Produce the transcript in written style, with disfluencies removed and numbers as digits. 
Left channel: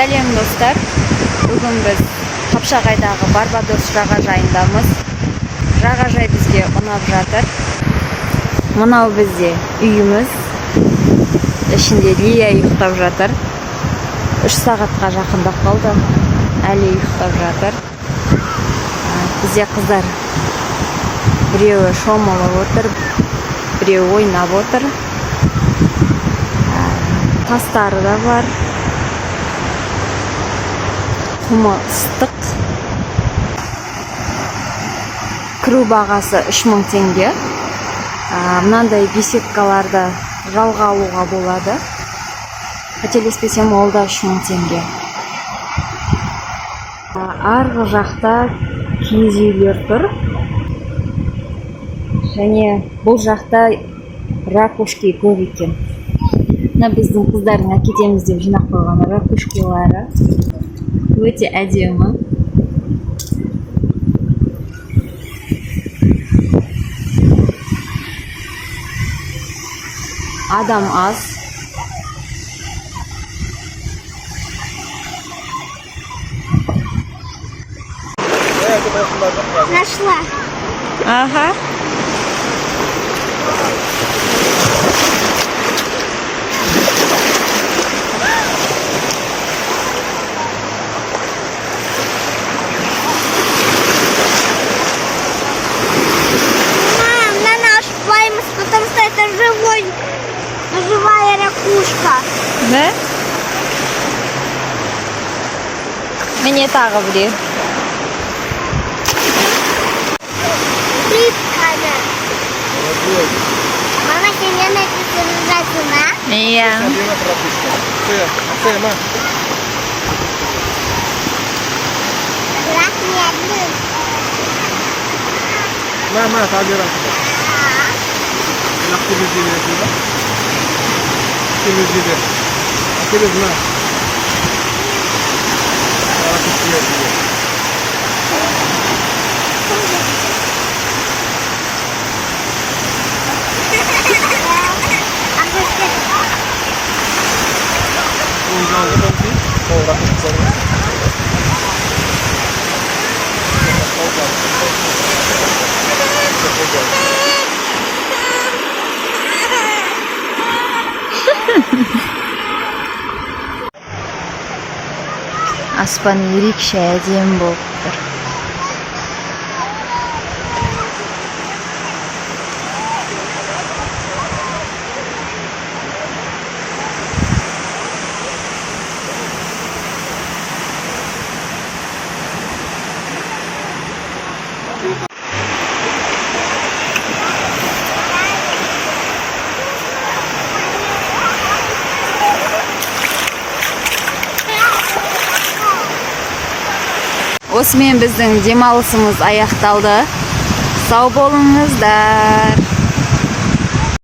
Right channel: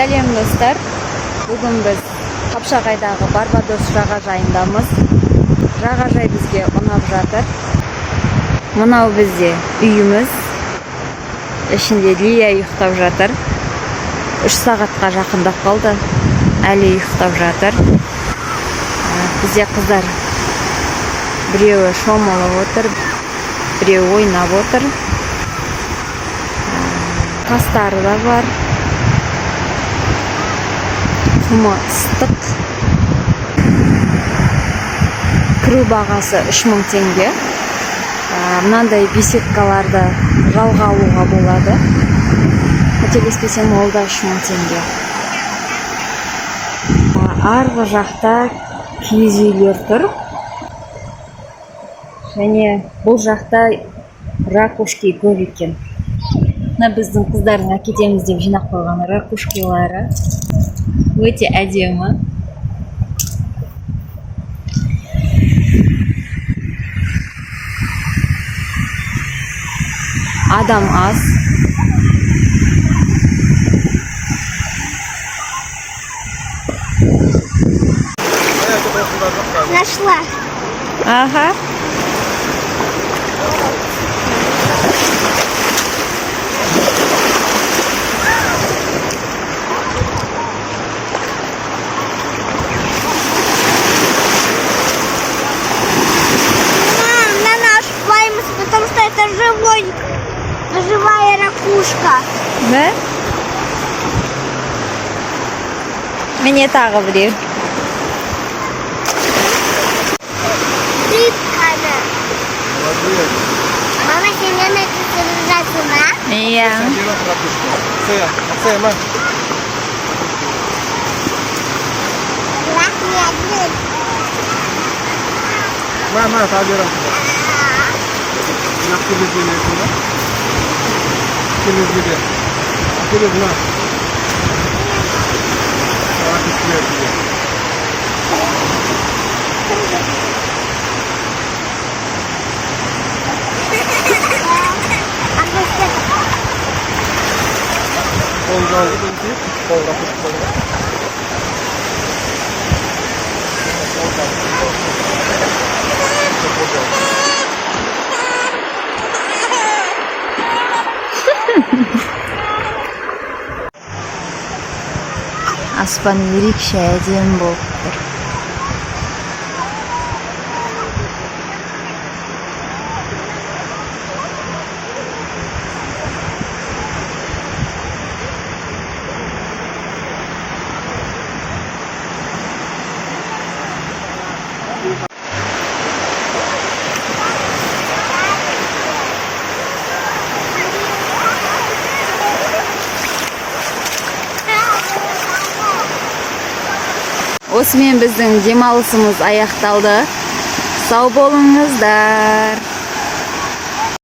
Сәлем достар. Бүгін біз Қапшағайдағы Барбадос жағажайындамыз. Жағажай бізге ұнап жатыр. Мынау бізде үйіміз. Ішінде Лия ұйықтап жатыр. 3 сағатқа жақындап қалды. Әлі ұйықтап жатыр. Бізде қыздар біреуі шомылып отыр, біреуі ойнап отыр. Тастары да бар. Құмы ыстық. Кіру бағасы 3000 теңге. Мынандай беседкаларды жалға алуға болады. Қателеспесем, ол да 3000 теңге. Арғы жақта киіз үйлер тұр. Және бұл жақта ракушки көп екен. Мына біздің қыздардың әкетеміз деп жинап қойған ракушкилары. Өте әдемі. Адам аз. Нашла. Ага. На наш боимся, потому что это живая ракушка. Да? Мені тағы біреу. Рыбкана. Мама, тебе написано. Иә. Раз не один. ما تعبير نحكي بالجيل كذا نحكي بالجيل نحكي بالجماعة وراك كثير كذا جاوز بنتي وراك كثير Аспан ерекше әдемі болып тұр. Осымен біздің демалысымыз аяқталды. Сау болыңыздар.